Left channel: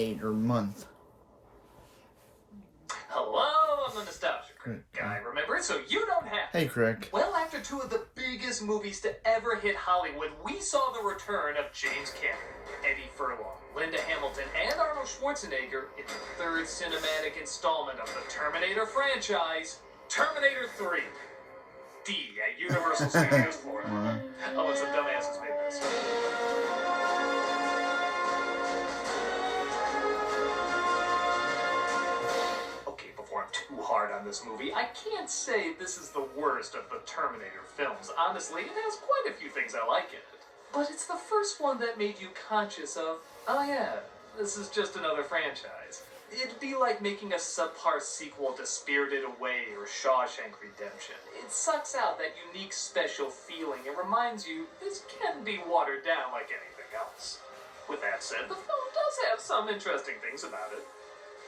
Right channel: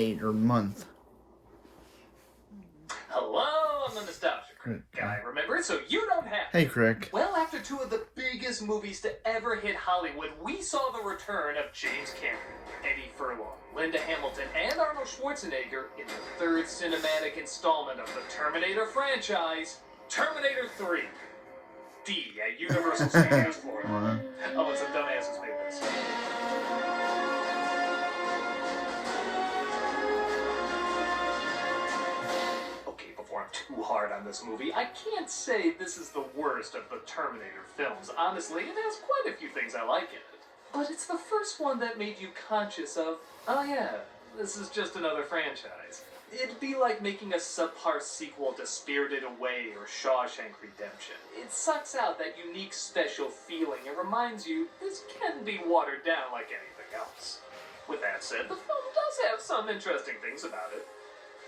Terminator month. Hello, I'm the Nostalgia Guy, remember? So you don't have to. Hey, Crick. Well, after two of the biggest movies to ever hit Hollywood, we saw the return of James Cameron, Eddie Furlong, Linda Hamilton, and Arnold Schwarzenegger in the third cinematic installment of the Terminator franchise, Terminator 3. D at Universal Studios, Florida. Oh, and some dumbasses made this. Before I'm too hard on this movie, I can't say this is the worst of the Terminator films. Honestly, it has quite a few things I like in it. But it's the first one that made you conscious of, oh yeah, this is just another franchise. It'd be like making a subpar sequel to Spirited Away or Shawshank Redemption. It sucks out that unique special feeling and reminds you this can be watered down like anything else. With that said, the film does have some interesting things about it.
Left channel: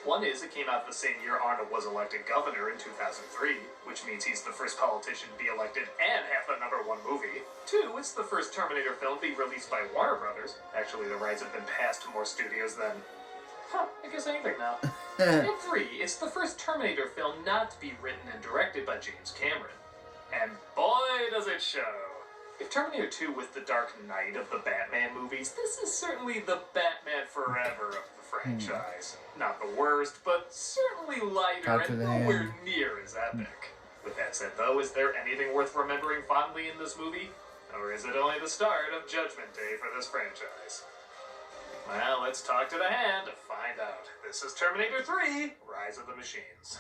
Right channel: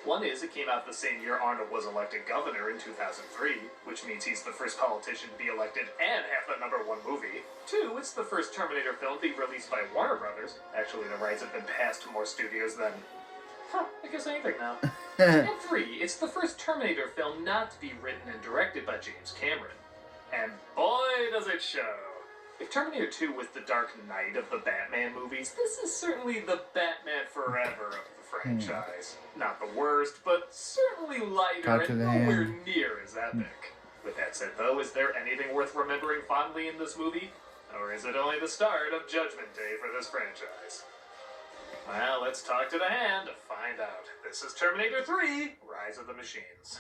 One is, it came out the same year Arnold was elected governor in 2003, which means he's the first politician to be elected and have the #1 movie. Two, it's the first Terminator film to be released by Warner Brothers. Actually, the rights have been passed to more studios than, I guess anything now. And three, it's the first Terminator film not to be written and directed by James Cameron. And boy, does it show. If Terminator 2 was the Dark Knight of the Batman movies, this is certainly the Batman Forever of the franchise. Not the worst, but certainly lighter and nowhere near as epic. With that said, though, is there anything worth remembering fondly in this movie? Or is it only the start of Judgment Day for this franchise? Well, let's talk to the hand to find out. This is Terminator 3, Rise of the Machines.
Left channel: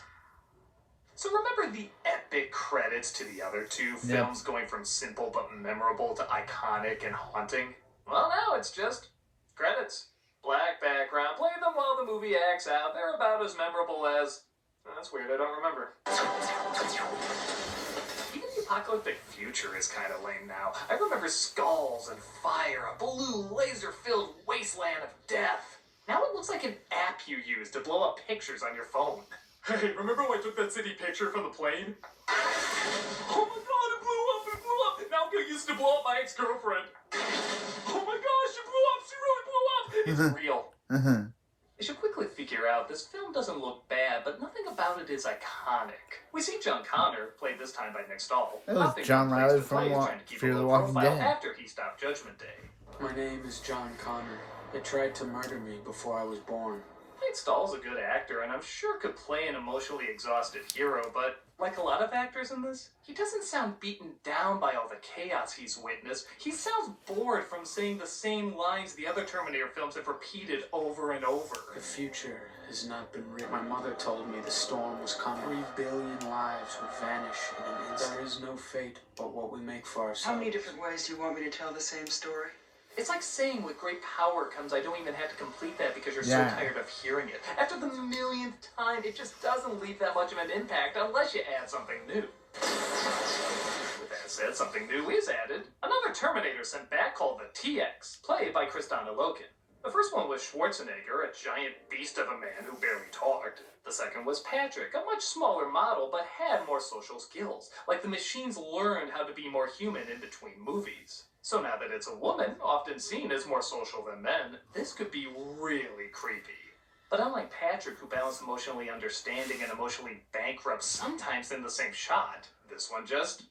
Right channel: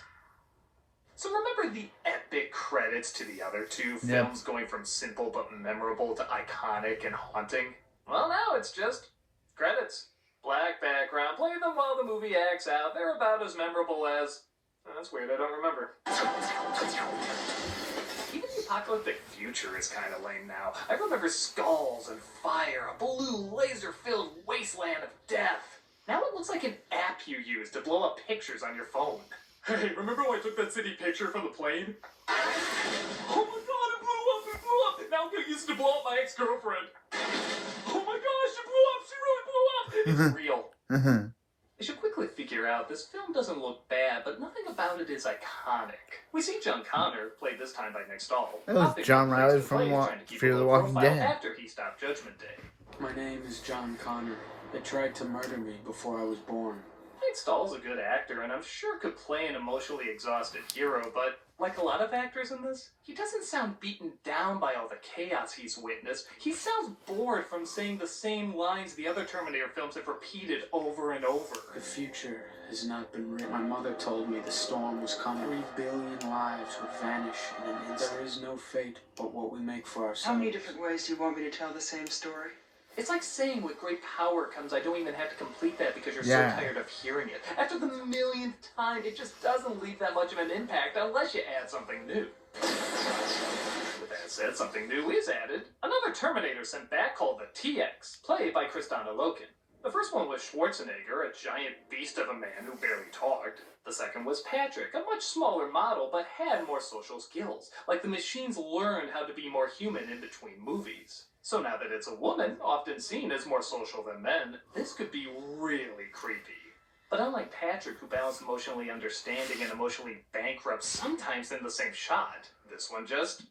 So remember the epic credits to the other two films going from simple but memorable to iconic and haunting? Well, now it's just credits. Black background, play them while the movie acts out. They're about as memorable as... Oh, that's weird, I don't remember. Even the apocalyptic future is kind of lame now. I remember skulls and fire, a blue laser-filled wasteland of death. Now it looks like an app you use to blow up pictures on your phone. Hey, remember when I took that city picture from the plane? Oh my god, it blew up! Now I'm gonna use it to blow up my ex-girlfriend. Oh my gosh, it blew up! She really blew up! It's real. You should quickly figure out, this film doesn't look bad, but nothing about it is iconic. We see John Connor, played this time by Nick Stahl, John Riley from trying to keep a low profile after he stopped Judgment Day. My name is John Connor. They tried to murder me before I was born. Nick Stahl's a good actor, and I'm sure could play an emotionally exhausted hero, but like a lot of actors in this, he doesn't sound beaten down by all the chaos he's witnessed. He sounds bored from saying the same lines the other Terminator films have repeated over and over. The future has not been written. My mother told me the storm was coming. 3 billion lives would vanish in an instant. There is no fate but what we make for ourselves. How many different ways do you want me to tell the same story? It's like saying with great power comes I don't even have to complete that because you're so tired of hearing it. After the millionth time, it just doesn't leave that much of an impact unless you add something new. With that said, something new is added. Another Terminator sent back called the TX, played by Kristanna Loken. The first one was Schwarzenegger, a giant beast of a man who barely talked. The second was Patrick, a much smaller model but had more social skills. Like the machines learned how to be more human in between movies. So now that it's a woman, often seen as more social than men, this could be really creepy. But unlike Patrick, who balanced emotionally understanding and emotionally bankrupt sometimes in the same shot, this one just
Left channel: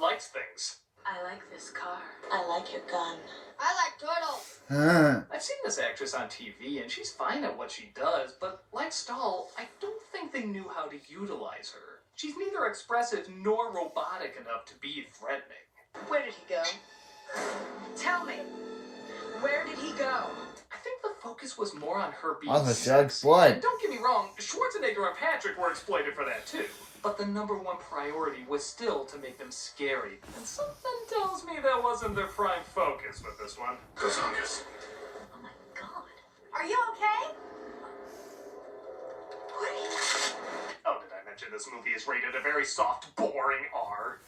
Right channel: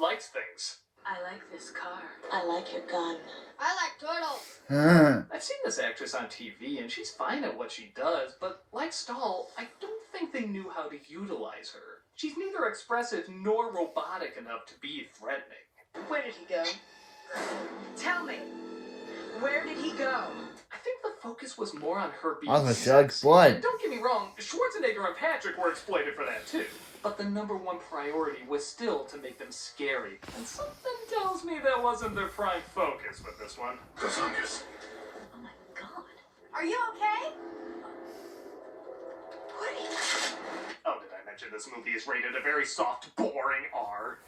likes things. I like this car. I like your gun. I like turtles. I've seen this actress on TV, and she's fine at what she does, but like Stahl, I don't think they knew how to utilize her. She's neither expressive nor robotic enough to be threatening. Where did he go? Tell me, where did he go? I think the focus was more on her being sexy. And don't get me wrong, Schwarzenegger and Patrick were exploited for that too. But the #1 priority was still to make them scary. And something tells me that wasn't their prime focus with this one. Oh my god. Are you okay? What are you... Oh, did I mention this movie is rated a very soft, boring R?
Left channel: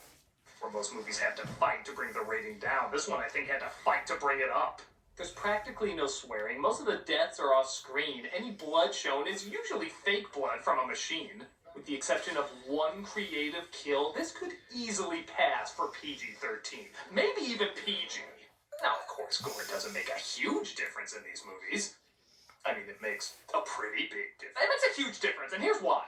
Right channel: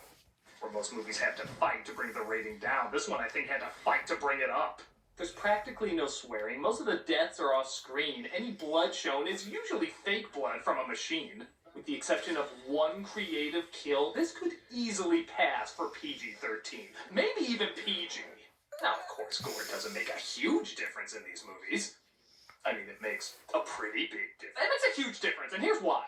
Where most movies have to fight to bring the rating down, this one I think had to fight to bring it up. There's practically no swearing, most of the deaths are off screen, any blood shown is usually fake blood from a machine. With the exception of one creative kill, this could easily pass for PG-13, maybe even PG. Now, of course, gore doesn't make a huge difference in these movies. I mean, it makes a pretty big difference. It makes a huge difference, and here's why.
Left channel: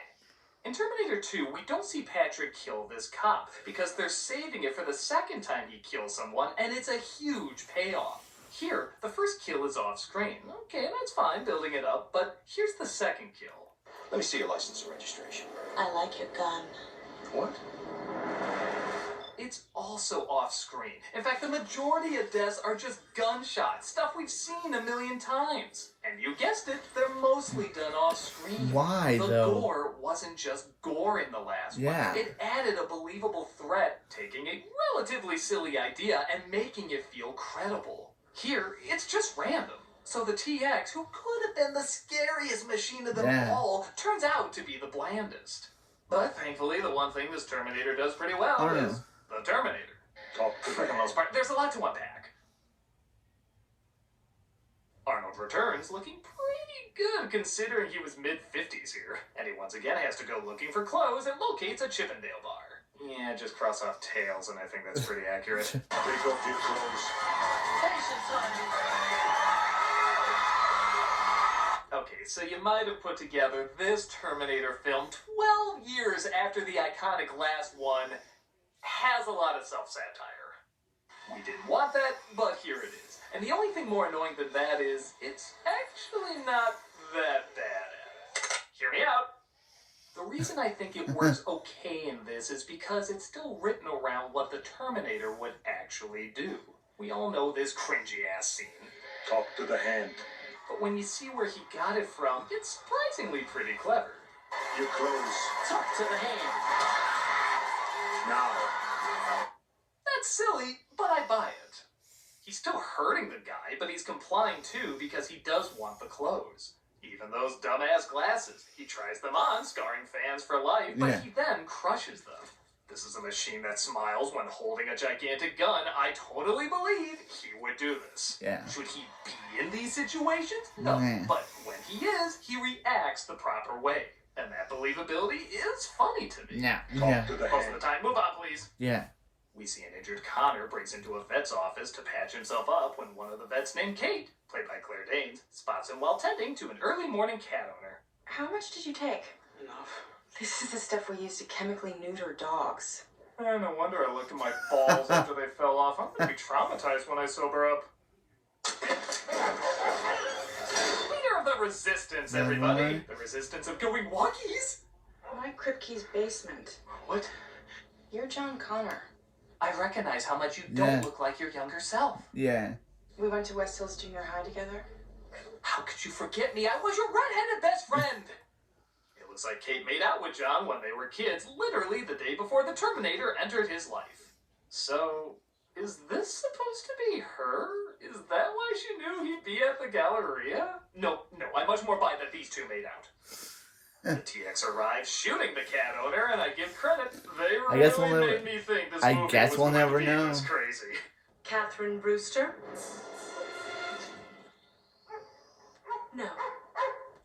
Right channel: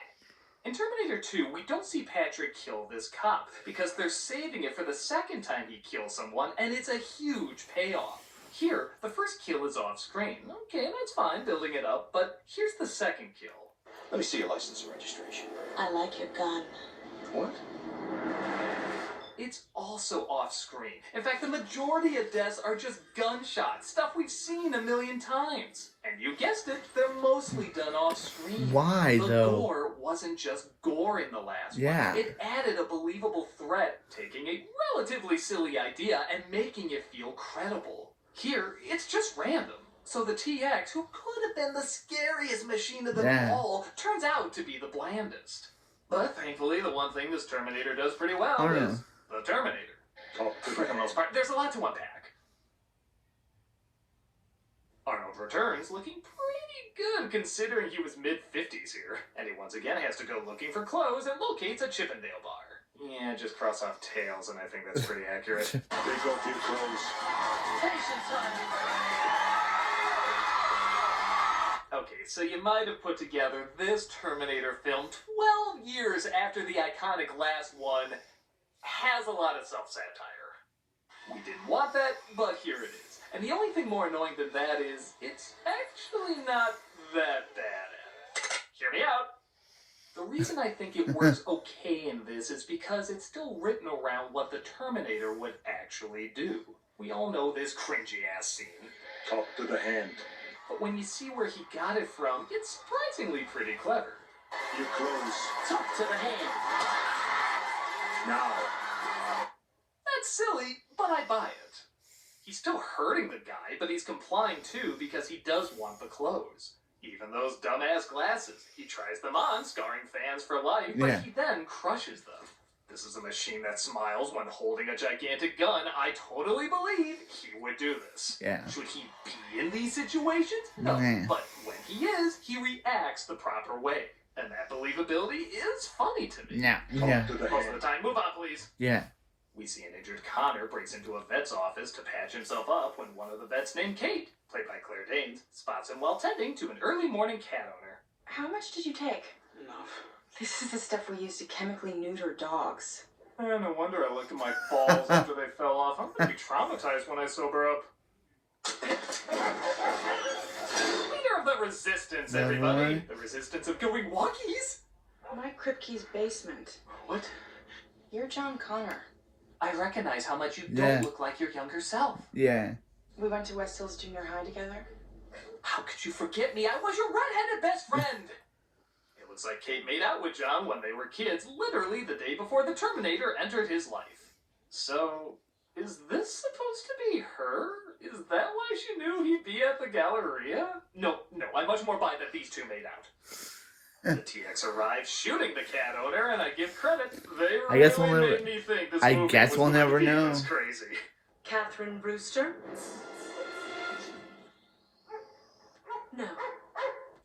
In Terminator 2, we don't see Patrick kill this cop, because they're saving it for the second time he kills someone, and it's a huge payoff. Here, the first kill is off-screen. Okay, that's fine, building it up, but here's the second kill. Let me see your license and registration. I like your gun. What? It's also off-screen. In fact, the majority of deaths are just gunshots, stuff we've seen a million times. And you guessed it, they're mostly done off-screen. Why, the though? gore wasn't just gore in the last one. It added a believable threat, taking a relatively silly idea and making it feel credible. Here, it's just random. So the TX, who could have been the scariest machine of them all, turns out to be the blandest. But thankfully, the one thing this Terminator does pretty well is the Terminator. For the most part, there's a lot to unpack. Arnold returns looking pretty good considering he was mid-50s here. And he once again has to go looking for clothes and locates a Chippendale bar. Yeah, just cross off tails and I think that's pretty accurate. Take off your clothes. Okay, so you might have put together this Terminator film 12 years after the iconic last one has a lot of self-satire. We didn't want that, but here it is. And the only thing more annoying than that is, it's actually not that bad at it. Hear me out. The reason I think it works okay in this is because it's still written around what the Terminator would actually do. We all know this cringy-ass scene. Talk to the hand. But when you see where he got it from, it's surprisingly pretty clever. Your clothes. Talk to the hand. Now. That's silly, but I buy it. He's still hurting the guy, but he's complying too because he does want the clothes. Even those dumbass glasses. He tries them on, scarring fans for life, but he then crushes them. This is a machine that smiles when holding a gigantic gun. I totally believe he would do this. Should he be in these situations? No. But when he is, he reacts the proper way. And that believability is funny to me. Most of the time. Move on, please. We see an injured Connor breaks into a vet's office to patch himself up when one of the vets named Kate, played by Claire Danes, spots him while tending to an early morning cat owner. How much did you take? Enough. This is the stuff we use to chemically neuter dogs. No wonder I looked at my balls after they fell off. I'm gonna be traumatized when I sober up. Leader of the Resistance, everybody. The Resistance of going walkies. My Kripke's basement. What? You're John Connor. I recognize how much you don't look like your younger self. We went to West Hills Junior High together. How could you forget me? I was your redheaded best friend. It looks like Kate made out with John when they were kids, literally the day before the Terminator entered his life. So, is this supposed to be her? Is that why she knew he'd be at the Galleria? No, I much more buy that these two made out. The TX arrives shooting the cat owner, and I give credit. They really made me think this movie was going to be this crazy. Catherine Brewster? No.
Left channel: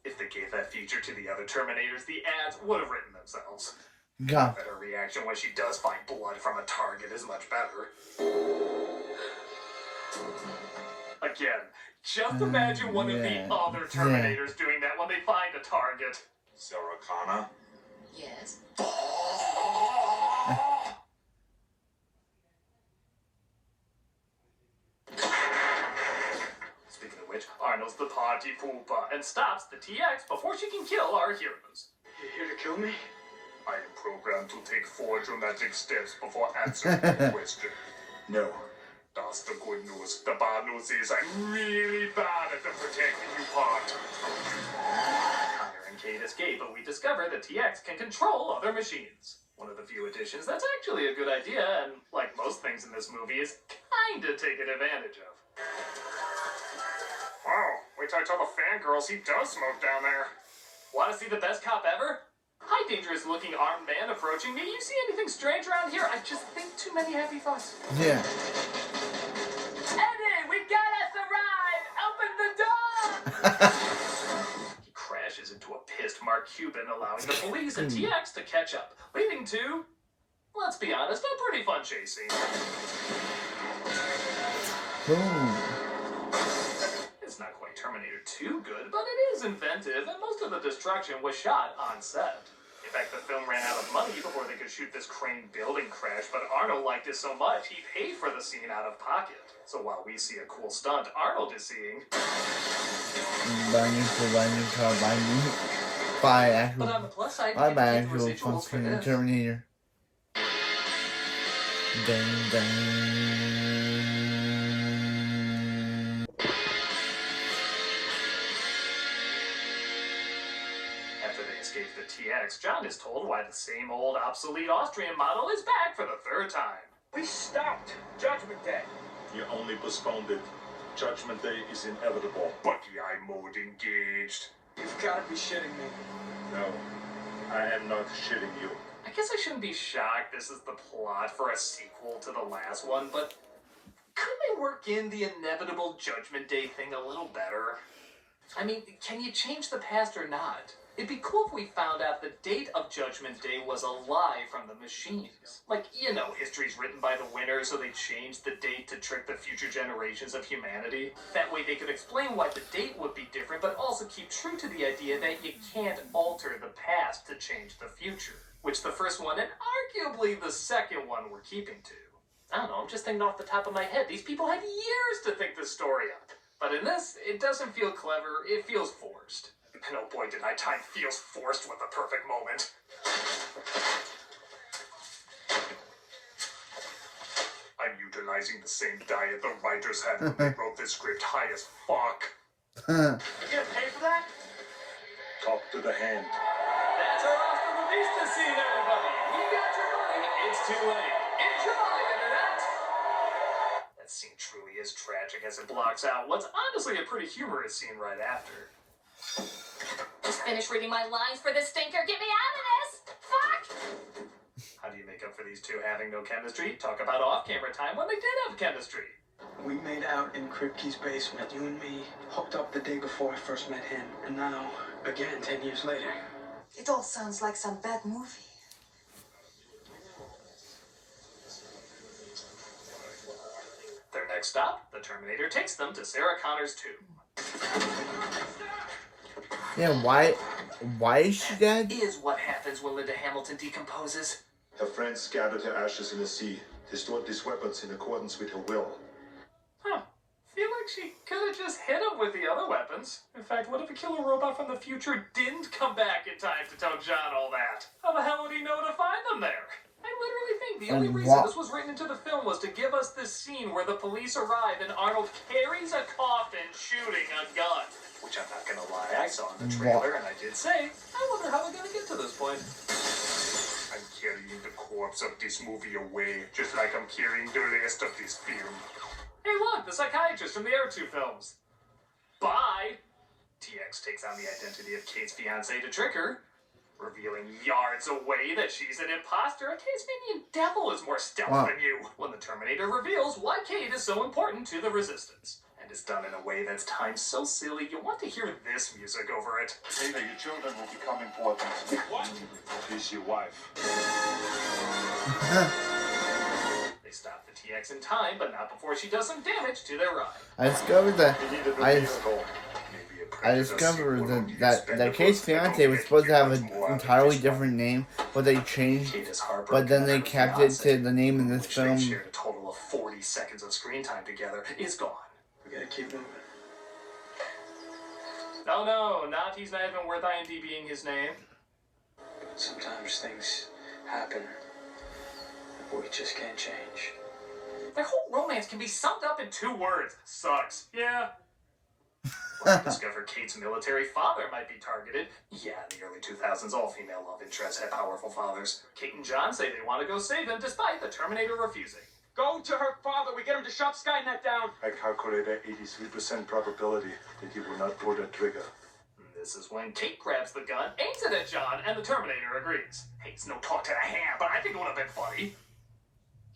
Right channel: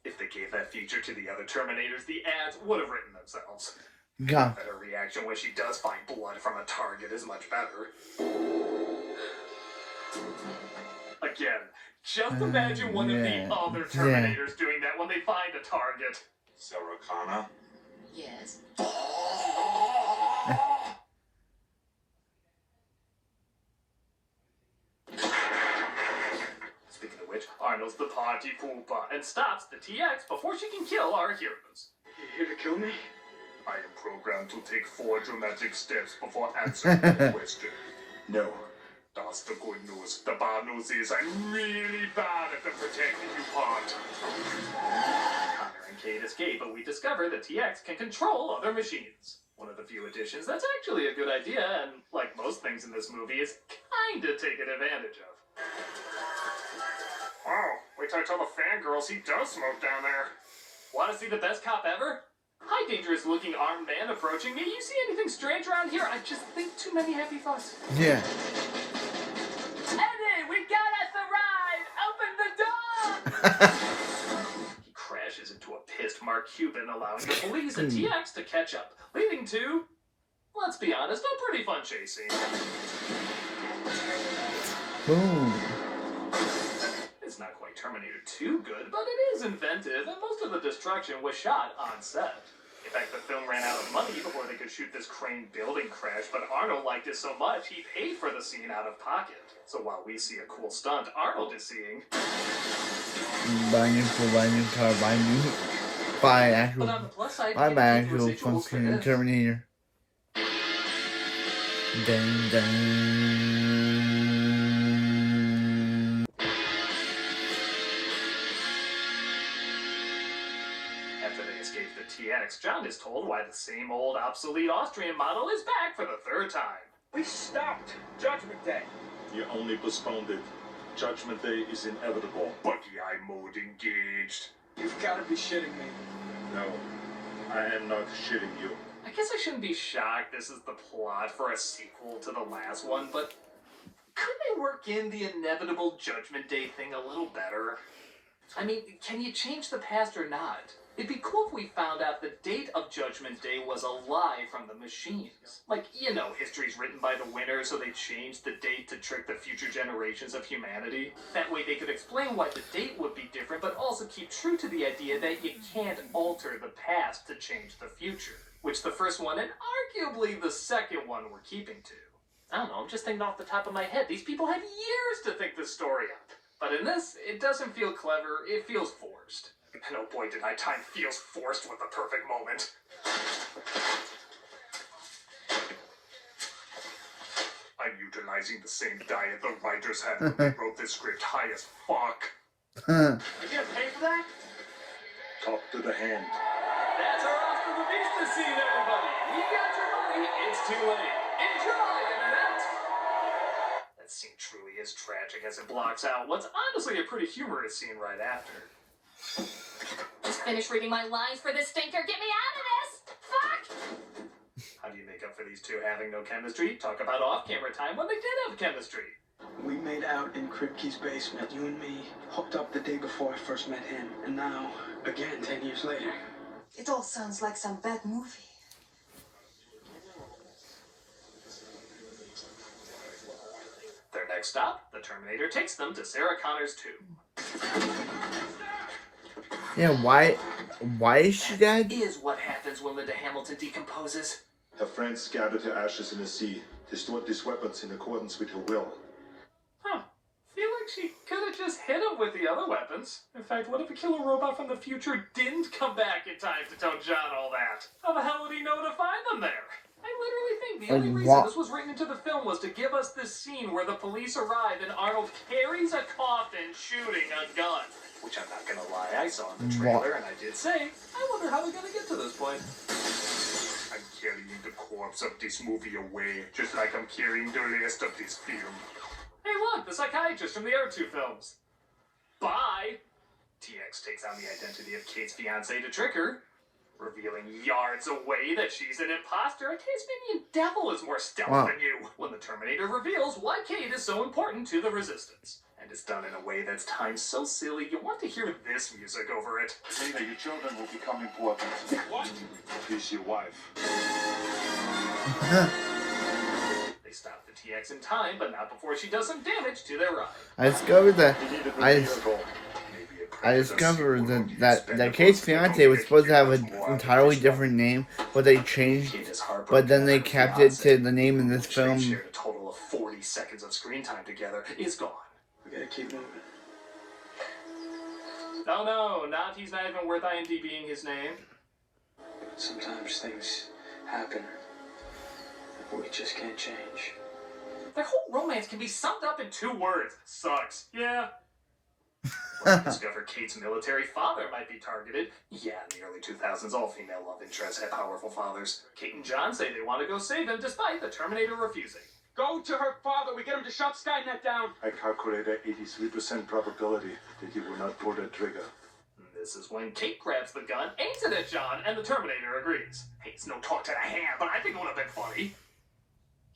If they gave that feature to the other Terminators, the ads would have written themselves. God. But her reaction when she does find blood from a target is much better. Again, just imagine one of the other Terminators doing that when they find a target. Sarah Connor. Yes. Speaking of which, Arnold's the party pooper and stops the TX before she can kill our heroes. You here to kill me? I am programmed to take 4 dramatic steps before answering the question. No. That's the good news. The bad news is I'm really bad at the protecting you part. Connor and Kate escape, but we discover the TX can control other machines. One of the few additions that's actually a good idea, and like most things in this movie, is kinda taken advantage of. Oh, wait till I tell the fangirls he does smoke down there. Wanna see the best cop ever? Hi, dangerous looking armed man approaching me. You see anything strange around here? I just think too many happy thoughts. Yeah. Eddie, we got us a ride! Open the door! He crashes into a pissed Mark Cuban, allowing the police and TX to catch up, leading to, let's be honest, a pretty fun chase scene. Ooh. It's not quite quite Terminator 2 good, but it is inventive, and most of the destruction was shot on set. In fact, the film ran out of money before they could shoot this crane building crash, but Arnold liked it so much he paid for the scene out of pocket. So while we see a cool stunt, Arnold is seeing... But on the plus side, you get paid residuals for this. Terminator. Dun, dun. After they escape the TX, John is told why the same old obsolete Austrian model is back for the third time. We stopped Judgment Day. You only postponed it. Judgment Day is inevitable. But the eye mode engaged. You've got to be shitting me. No, I am not shitting you. I guess I shouldn't be shocked this is the plot for a sequel to the last one, but couldn't they work in the inevitable Judgment Day thing a little better? I mean, can you change the past or not? It'd be cool if we found out the date of Judgment Day was a lie from the machines. Like, you know, history's written by the winner, so they changed the date to trick the future generations of humanity. That way they could explain why the date would be different, but also keep true to the idea that you can't alter the past to change the future. Which the first one, and arguably the second one, were keeping to. I don't know, I'm just thinking off the top of my head. These people had years to think this story up. But in this, it doesn't feel clever, it feels forced. And oh boy, did I time feels forced with the perfect moment. I'm utilizing the same diet the writers had when they wrote this script high as fuck. You gonna pay for that? Talk to the hand. That's our Oscar the Vista scene, everybody! You got your money, it's too late. Enjoy, Internet! That scene truly is tragic as it blocks out what's honestly a pretty humorous scene right after. Just finished reading my lines for this stinker. Get me out of this! Fuck! How do you make up for these two having no chemistry? Talk about off-camera time when they did have chemistry. We made out in Kripke's basement. You and me hooked up the day before I first met him. And now, again, 10 years later. It all sounds like some bad movie. Their next stop, the Terminator takes them to Sarah Connor's tomb. Yeah, why is she dead? Is what happens when Linda Hamilton decomposes. Her friends scattered her ashes in the sea. They stored these weapons in accordance with her will. Huh. Feel like she could have just hit him with the other weapons. In fact, what if a killer robot from the future didn't come back in time to tell John all that? How the hell would he know to find them there? I literally think the only reason this was written into the film was to give us this scene where the police arrive and Arnold carries a coffin shooting a gun. Which I'm not gonna lie, I saw in the trailer and I did say, I wonder how we're gonna get to this point. I'm carrying the corpse of this movie away, just like I'm carrying the rest of this film. Hey look, the psychiatrist from the other two films. Bye! TX takes on the identity of Kate's fiancé to trick her, revealing yards away that she's an imposter. A Tasmanian devil is more stealth than you. When the Terminator reveals why Kate is so important to the Resistance. And it's done in a way that's timed so silly, you want to hear this music over it. Maybe your children will become important. What? She's your wife. They stop the TX in time, but not before she does some damage to their ride. I discovered that He needed a I vehicle. discovered that Kate's fiance was supposed to have an entirely different name, but they changed. Kate is heartbroken But then they that her kept it fiancé, to the name in this which they film. shared a total of 40 seconds of screen time together, is gone. We gotta keep moving. Oh no, not he's not even worth IMDb'ing his name. Sometimes things happen that we just can't change. Their whole romance can be summed up in 2 words. Sucks. Yeah. When we discover Kate's military father might be targeted. Yeah, in the early 2000s, all female love interests had powerful fathers. Kate and John say they want to go save him despite the Terminator refusing. Go to her father. We get him to shut Skynet down. I calculated 83% probability that he will not pull the trigger. This is when Kate grabs the gun, aims it at John, and the Terminator agrees. Hey, it's no talk to the hand, but I think it would have been funny.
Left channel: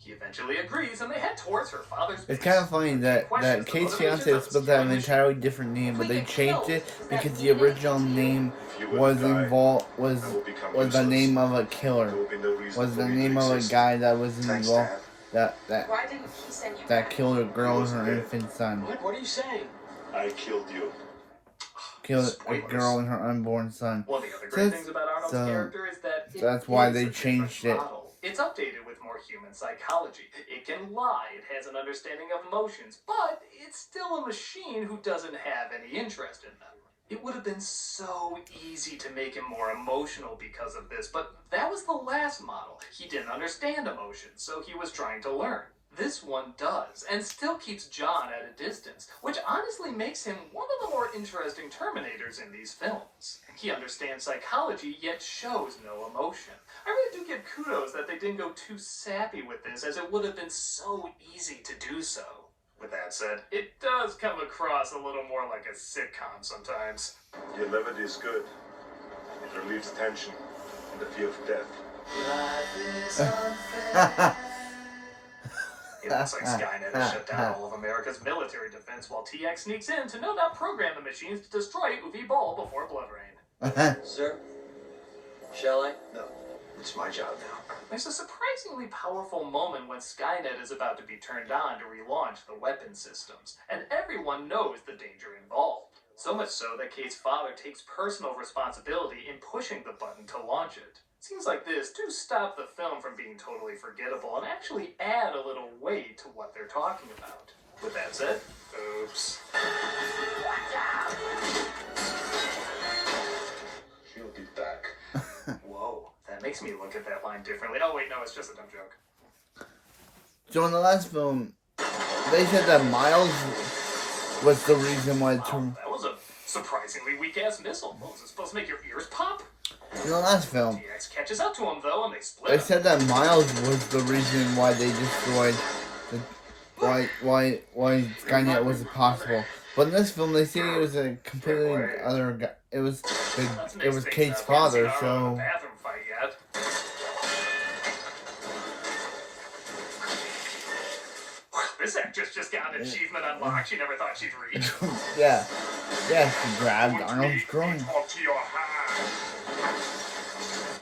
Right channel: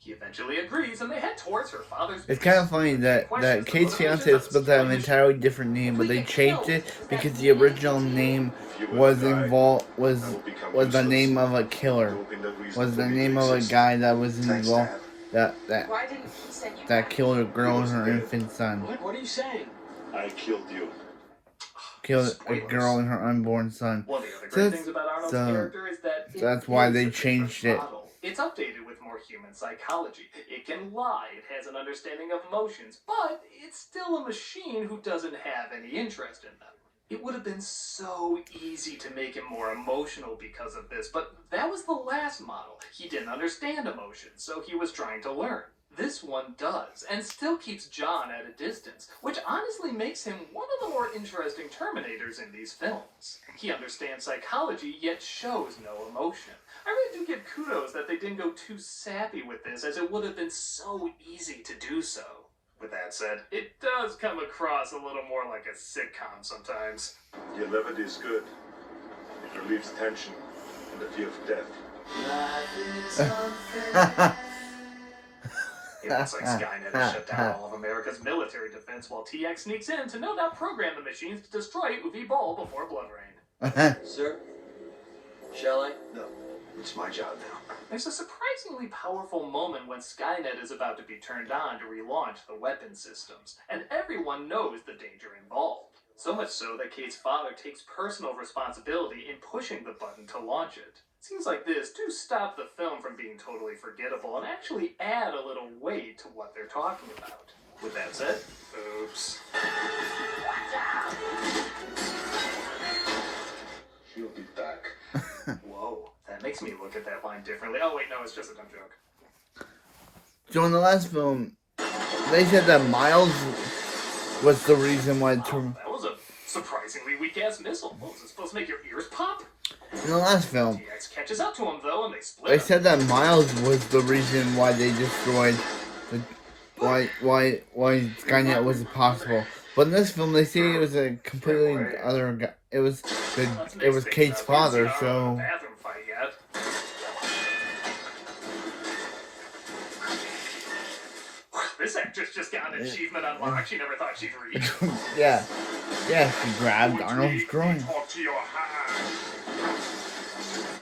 He eventually agrees, and they head towards her father's base. It's kind of funny that Kate's fiance is supposed to have an entirely different name, but they changed it because the original name was involved was the name of a killer, was the name of a guy that was involved that killed a girl and her infant son. What are you saying? I killed you. killed a Spoilers. girl and her unborn son. One of the other great things about Arnold's So, character is that that's why they changed it. model. It's updated with more human psychology. It can lie, it has an understanding of emotions, but it's still a machine who doesn't have any interest in them. It would have been so easy to make him more emotional because of this, but that was the last model. He didn't understand emotions, so he was trying to learn. This one does, and still keeps John at a distance, which honestly makes him one of the more interesting Terminators in these films. He understands psychology, yet shows no emotion. I really do give kudos that they didn't go too sappy with this, as it would have been so easy to do so. With that said, it does come across a little more like a sitcom sometimes. The levity is good. It relieves tension and the fear of death. It looks like Skynet has shut down all of America's military defense while TX sneaks in to no doubt program the machines to destroy Uwe Boll before Blood Rain. Sir? Shall I? No, it's my job now. There's a surprisingly powerful moment when Skynet is about to be turned on to relaunch the weapon systems, and everyone knows the danger involved. So much so that Kate's father takes personal responsibility in pushing the button to launch it. Scenes like this do stop the film from being totally forgettable and actually add a little weight to what they're talking about. With that said, oops. He'll be back. Whoa, that makes me look at that line differently. Oh wait, no, it's just a dumb joke. So in the last film, they said that Miles was the reason why That was a surprisingly weak-ass missile. What, was it supposed to make your ears pop? in the last film, TX catches up to him, though, and they split they up. said that Miles was the reason why they destroyed why Skynet wasn't possible. But in this film, they say it was a completely other guy. It was Kate's father. So Bathroom fight yet. This actress just got an achievement unlocked she never thought she'd reach. yeah, she grabbed Arnold's groin. Talk to your hand.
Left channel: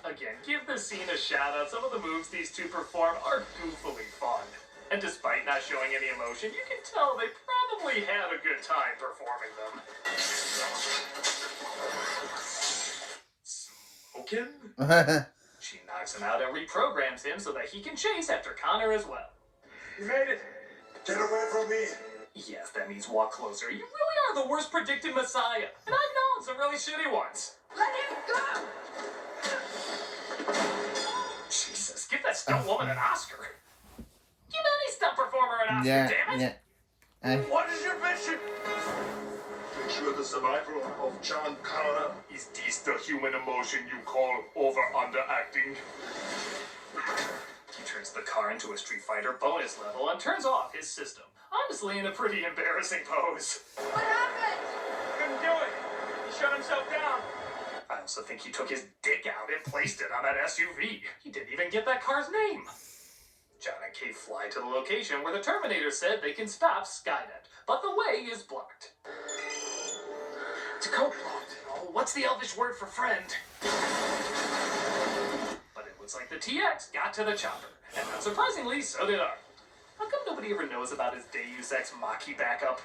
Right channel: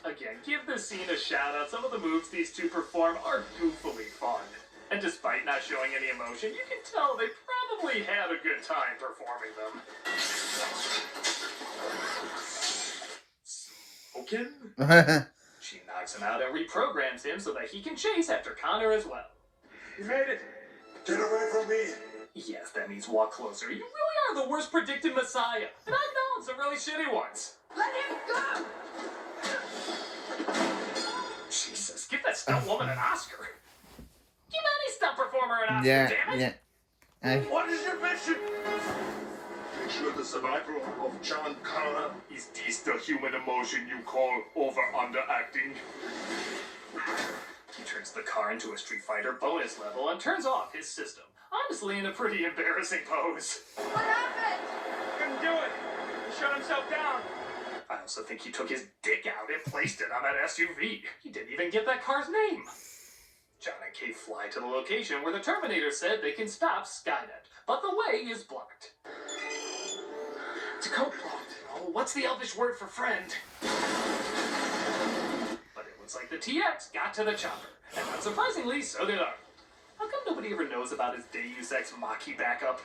Again, give this scene a shout out. Some of the moves these two perform are goofily fun. And despite not showing any emotion, you can tell they probably had a good time performing them. Smokin'? She knocks him out and reprograms him so that he can chase after Connor as well. You made it. Get away from me! Yes, that means walk closer. You really are the worst predicted messiah. And I've known some really shitty ones. Let him go! Jesus, give that stunt woman an Oscar. Give any stunt performer an Oscar, damn it! What is your mission? Ensure the survival of John Connor. Is this the human emotion you call over-underacting? He turns the car into a Street Fighter bonus level and turns off his system. Honestly, in a pretty embarrassing pose. What happened? Couldn't do it. He shut himself down. I also think he took his dick out and placed it on that SUV. He didn't even get that car's name. John and Kate fly to the location where the Terminator said they can stop Skynet, but the way is blocked. It's a code blocked. Oh, what's the Elvish word for friend? But it looks like the TX got to the chopper, and not surprisingly, so did Arnold. How come nobody ever knows about his Deus Ex Machina backup?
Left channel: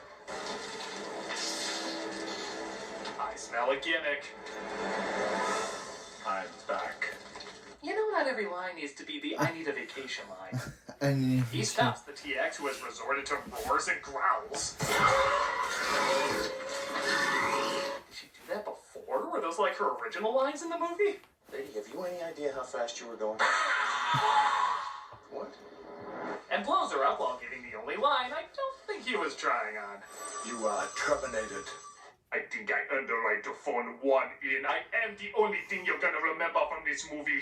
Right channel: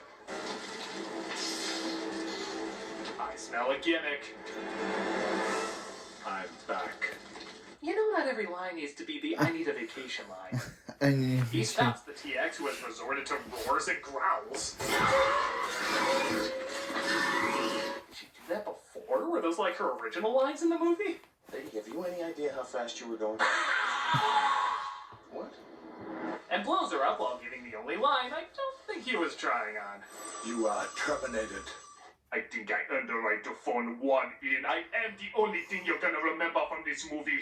I smell a gimmick. I'm back. You know, not every line needs to be the I need a vacation line. He stops the TX who has resorted to roars and growls. Did she do that before? Were those like her original lines in the movie? Lady, have you any idea how fast you were going? What? And blows her up while giving the only line I don't think he was trying on. You are terminated. I think I earned the right to phone one in. I am the only thing you're gonna remember from this movie.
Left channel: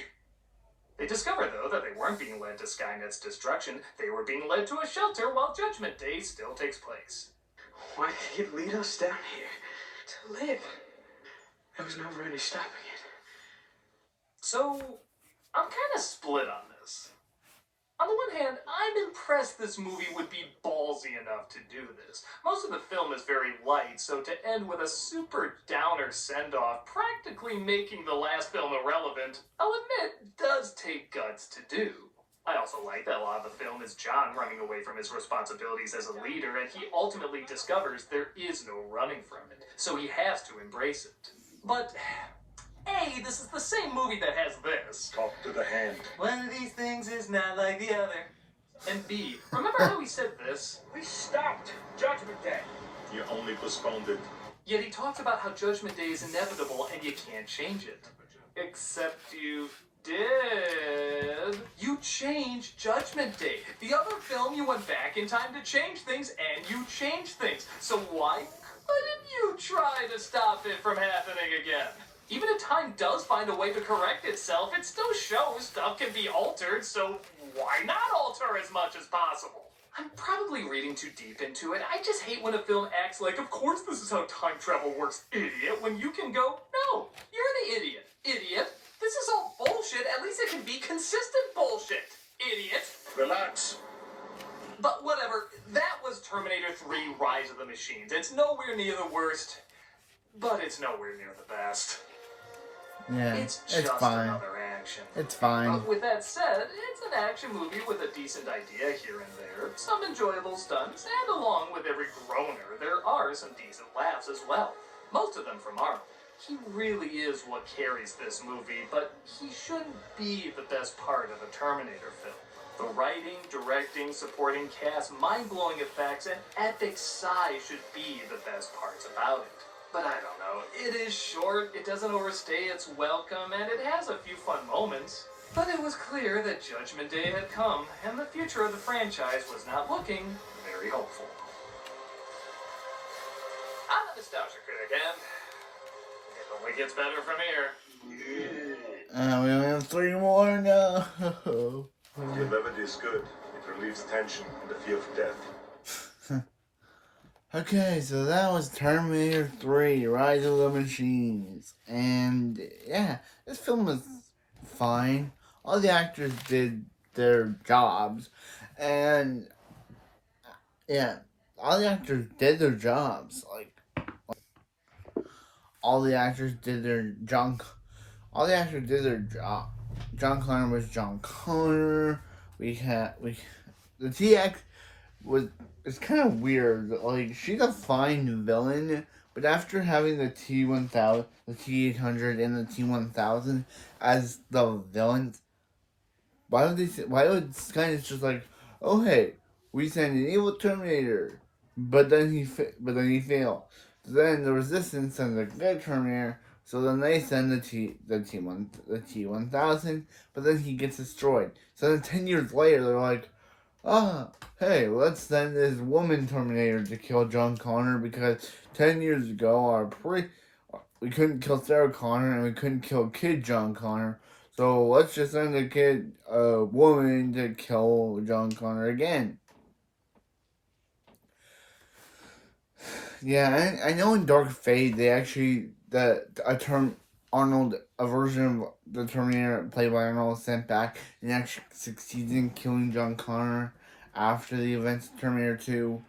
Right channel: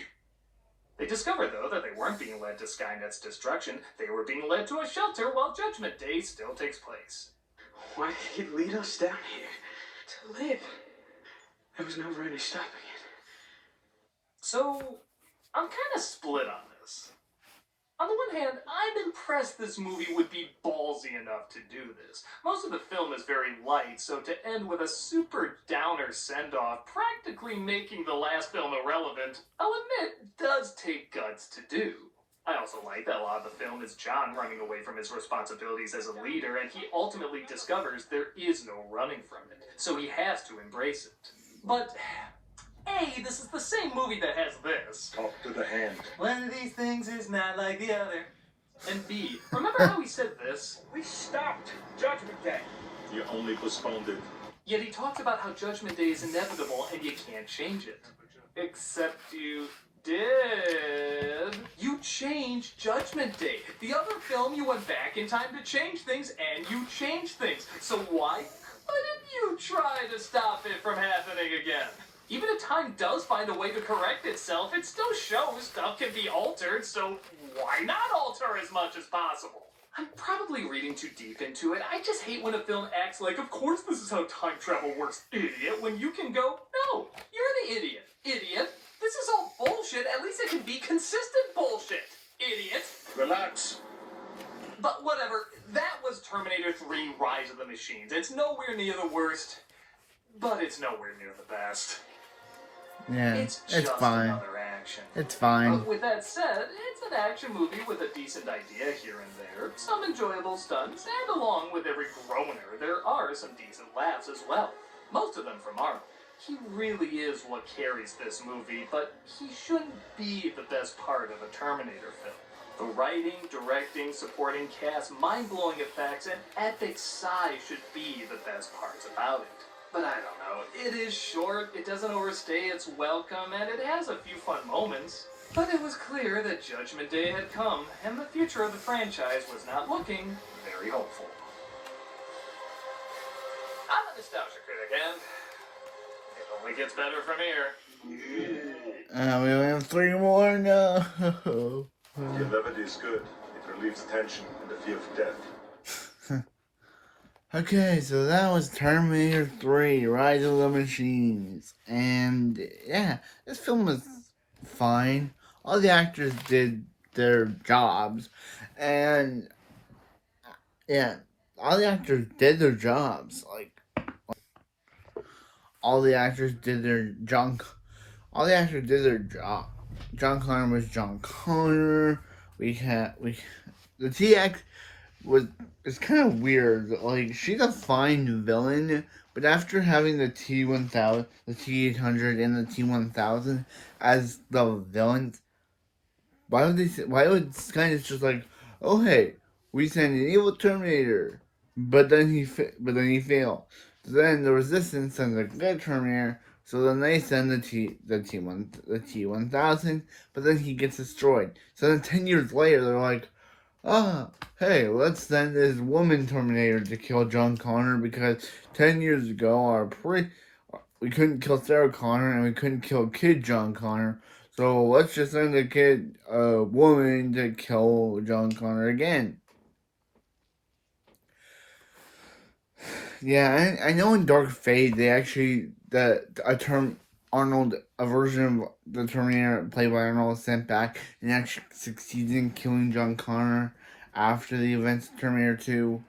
They discover, though, that they weren't being led to Skynet's destruction. They were being led to a shelter while Judgment Day still takes place. Why did he lead us down here? To live. There was never any stopping it. So, I'm kind of split on this. On the one hand, I'm impressed this movie would be ballsy enough to do this. Most of the film is very light, so to end with a super downer send-off, practically making the last film irrelevant, I'll admit, does take guts to do. I also like that a lot of the film is John running away from his responsibilities as a leader, and he ultimately discovers there is no running from it, so he has to embrace it. But A, this is the same movie that has this. Talk to the hand. One of these things is not like the other. And B, remember how he said this? We stopped Judgment Day. You only postponed it. Yet he talks about how Judgment Day is inevitable and you can't change it. Except you did. You changed Judgment Day. The other film, you went back in time to change things, and you changed things. So why couldn't you try to stop it from happening again? Even if time does find a way to correct itself, it still shows stuff can be altered, so why not alter as much as possible? I'm probably reading too deep into it. I just hate when a film acts like, of course this is how time travel works, idiot, when you can go, no, you're the idiot. Idiot. This is all bullshit. At least it can be consistent bullshit. Idiot. Relax. But whatever. That was Terminator 3 Rise of the Machines. It's nowhere near the worst, but it's nowhere near the best. Yeah, It's just fine. another action. It's fine. But with that said, it's an action movie with a decent idea here and there, some enjoyable stunts, and along with every groaner, there are some decent laughs as well. Most of them from Arnold. He really is what carries this movie, but he shouldn't be the best part of a Terminator film. The writing, directing, supporting cast, mind-blowing effects, and epic sigh should be the best parts about it. But I don't know, it is short, it doesn't overstay its welcome, and it has a few fun moments. But it was clear that Judgment Day had come, and the future of the franchise was not looking very hopeful. I'm a nostalgia critic, and it only gets better from here. We have 3 more, no. Your levity is good. It relieves tension and the fear of death. Okay, so that was Terminator 3, Rise of the Machines. And, yeah, this film was fine. All the actors did their jobs. And, yeah, all the actors did their jobs. All the actors did their job. All the actors did their job. John Connor was John Connor. The TX it's kind of weird. Like, she's a fine villain, but after having the T-1000, the T-800, and the T-1000 as the villains, why would Skynet just like, oh hey, we send an evil Terminator, but then he failed. So then the Resistance sends a good Terminator. So then they send the T-1000, but then he gets destroyed. So then 10 years later, they're like, hey, let's send this woman Terminator to kill John Connor because 10 years ago we couldn't kill Sarah Connor and we couldn't kill kid John Connor. So let's just send a woman to kill John Connor again. Yeah, I know in Dark Fate they actually a version of the Terminator played by Arnold sent back and actually succeeded in killing John Connor after the events of Terminator 2.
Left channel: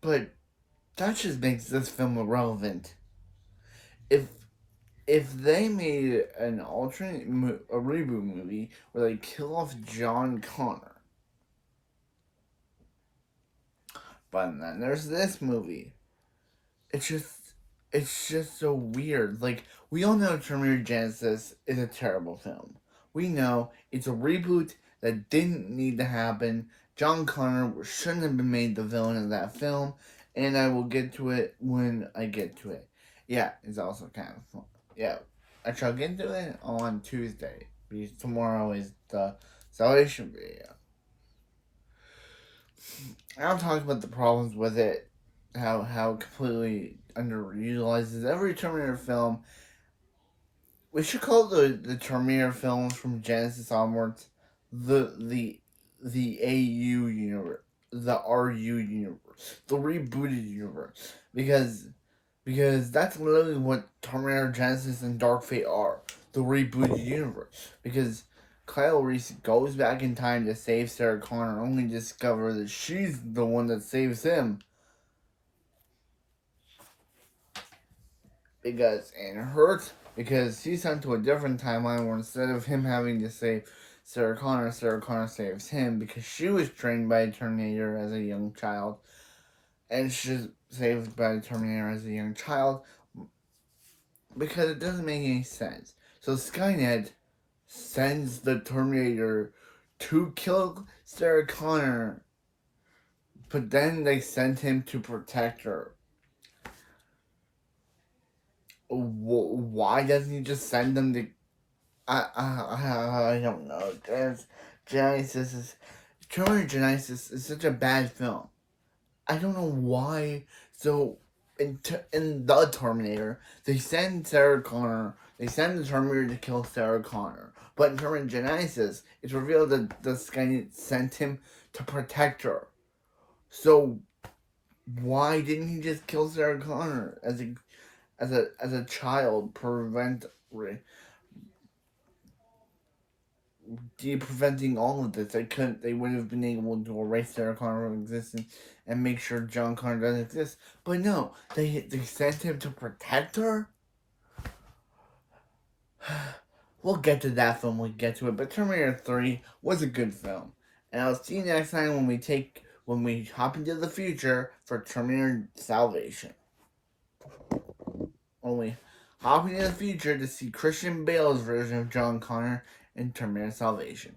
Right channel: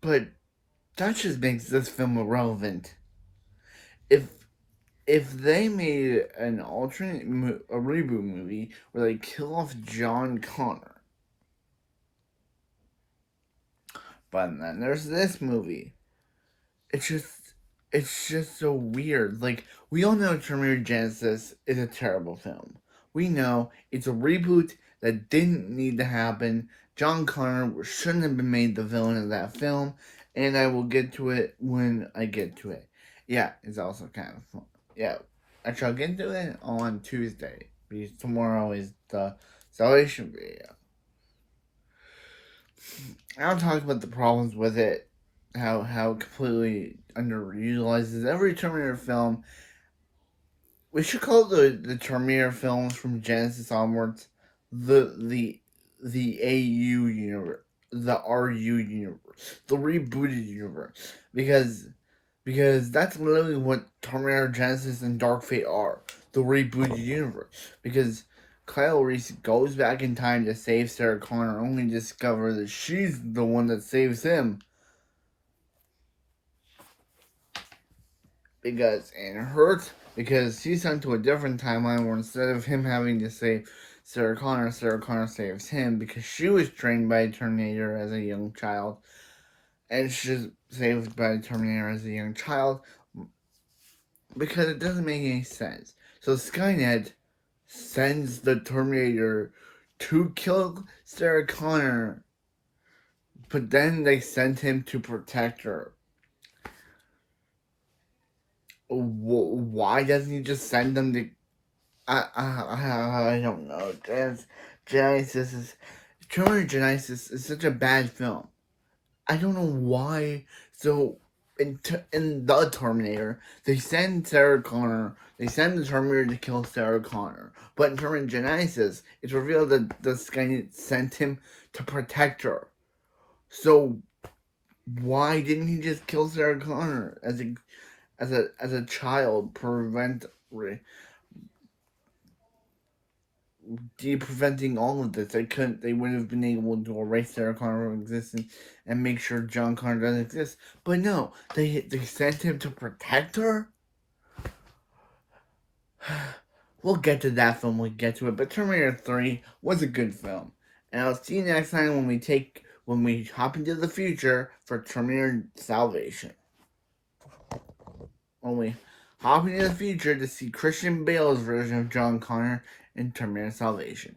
But that just makes this film irrelevant. If they made an a reboot movie where they kill off John Connor, but then there's this movie. It's just so weird. Like, we all know Terminator Genesis is a terrible film. We know it's a reboot that didn't need to happen. John Connor shouldn't have been made the villain of that film, and I will get to it when I get to it. Yeah, it's also kind of fun. Yeah, I shall get to it on Tuesday, because tomorrow is the Salvation video. I'll talk about the problems with it, how completely underutilizes every Terminator film. We should call the Terminator films from Genesis onwards the AU universe, the RU universe, the rebooted universe, because that's literally what Terminator Genesis and Dark Fate are, the rebooted universe. Because Kyle Reese goes back in time to save Sarah Connor, only to discover that she's the one that saves him. Because in her because she's sent to a different timeline where instead of him having to save Sarah Connor saves him because she was trained by a Terminator as a young child, and she's saved by a Terminator as a young child because it doesn't make any sense. So Skynet sends the Terminator to kill Sarah Connor, but then they send him to protect her. Why doesn't he just send them to? I don't know. Terminator Genesis is such a bad film. I don't know why. So in the Terminator, they send Sarah Connor. They send the Terminator to kill Sarah Connor. But in Terminator Genesis, it's revealed that the Skynet sent him to protect her. So why didn't he just kill Sarah Connor as a child? Preventing all of this. They would have been able to erase Sarah Connor from existence and make sure John Connor doesn't exist. But no, they sent him to protect her. We'll get to that film when we get to it. But Terminator 3 was a good film. And I'll see you next time when we hop into the future for Terminator Salvation. When we hop into the future to see Christian Bale's version of John Connor in Terminator Salvation.